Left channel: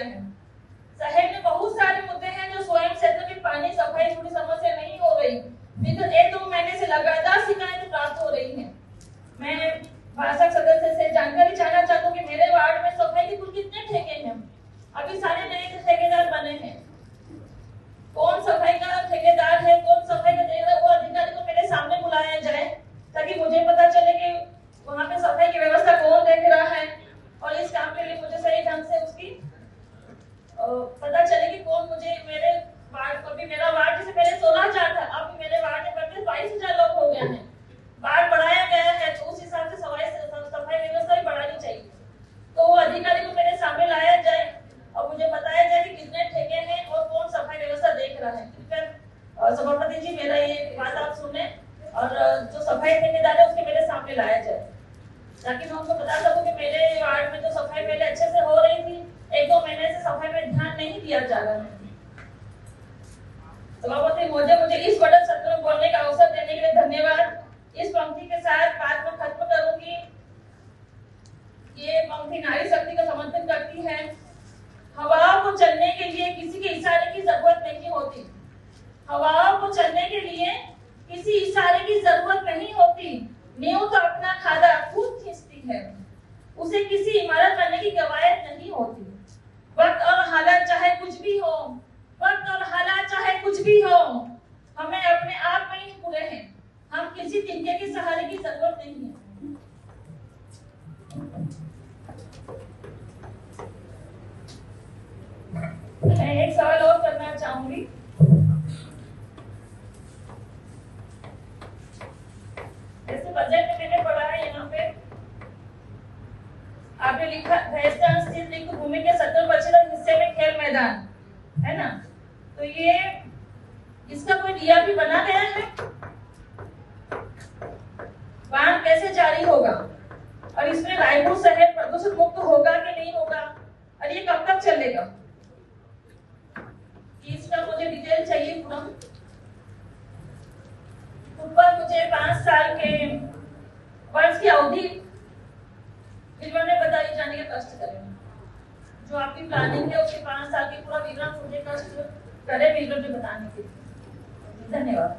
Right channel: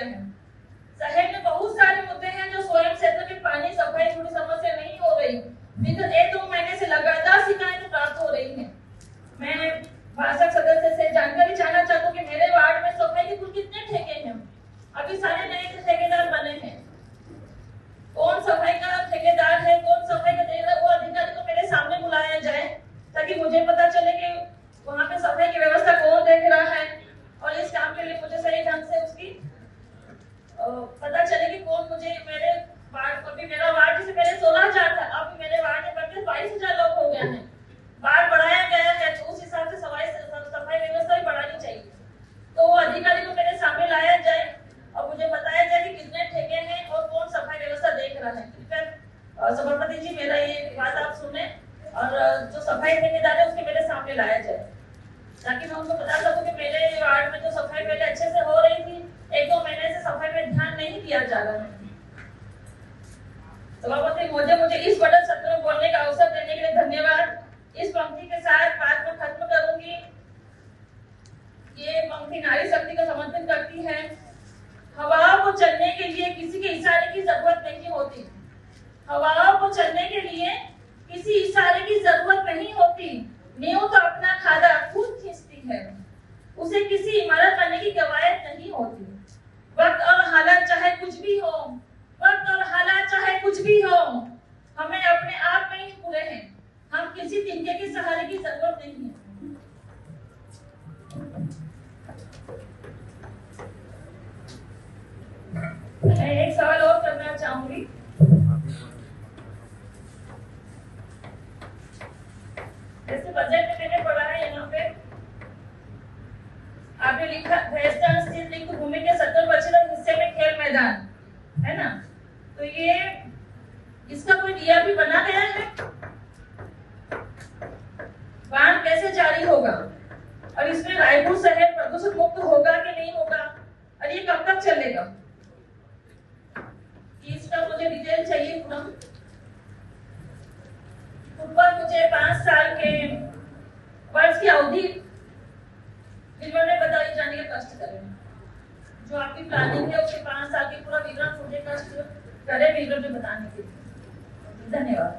समस्या है। शहर में बहुत सारे मुद्दे हैं जो स्वयं क्षेत्र में पानी सफाई जुड़ी समस्या नहीं हो रही। विगत 1-2 महीने से लगातार शिकायतें प्राप्त हो रही हैं। मैं भाषक सदस्य से जानकारी चाहना चाहता हूँ कि मेरे वार्ड में सफाई के कुल कितने ठेके हैं? अभी सारे नए ठेकेदार बने हैं। कौन सफाई का ठेकेदार है, कौन सफाई का देख रहा है, वो अधिकारी को मेरे सामने बुलाया जाए ताकि मुझे पता चले कि वहाँ पे सफाई की व्यवस्था कौन देख रहा है और इस काम के लिए मुझे सही ढंग से उसकी पता चले कि कौन मुझे मेरे वार्ड को भी मेरा वार्ड जैसे पहले 16,000 था, अब मेरे वार्ड में बढ़कर 22,000 लोग हो गए हैं। वार्ड बढ़ाया गया है तो उस हिसाब से सफाई व्यवस्था भी बढ़ानी चाहिए। तो वो अधिकारी को मेरे सामने लाया जाए और मुझे बताया जाए कि कितने ठेके हैं और कौन सफाई व्यवस्था देख रहा है। कृपया सभापति जी मेरा ये बात आप सुने और जो सफाई ठेकेदार है उसके मेरे सामने लाया जाए ताकि मैं उनको बता सकूं कि मेरे वार्ड में जो सफाई पहले अच्छे से हो रही थी, 1-2 महीने से सफाई में ध्यान नहीं दिया जा रहा है। सभापति मुझे इस बजट सत्र में बोलने का अवसर देने के लिए धन्यवाद। इस पंक्ति के साथ बात में खत्म करूंगी। ये पंक्ति नारी शक्ति का समर्थन करती है। हवाओं को चलने के लिए किसी के इशारे की जरूरत नहीं होती। हवाओं को चलने के लिए किसी इशारे की जरूरत नहीं होती। नींव तो अपना खादा खुद खींचती है। उसे किसी इमारत बनने की कवायद नहीं होती। वक्त और हालात चाहे कुछ भी हो, वक्त और हालात चाहे कुछ भी हो, हमें अपने आप में ही पूरे हैं। हम किसी तिनके के सहारे की जरूरत नहीं है। मैं एक सवाल और करना चाहूंगी। जैसे बजट में मैंने पढ़ा है यहाँ पे आपने लिखा भैंसटान स्थित रिक्त भूमि के 70% हिस्से में खेल मैदान है ना, तो ये इसका कोई डीआरपी बना गया है? बांध कैसे जारी होगा और इसमें रायपुर शहर प्रदूषण मुक्त होगा कि नहीं होगा और ये कब तक चलेगा? इसका मुझे डिटेल चाहिए पूरा। ऊपर मुझे 5 साल के वर्ष की अवधि विवरण में बताई जाने का कष्ट करें। जो आपकी प्लानिंग है उसके 5 साल के पूरा विवरण मुझे कष्ट करे विवरण में बताने के लिए। धन्यवाद।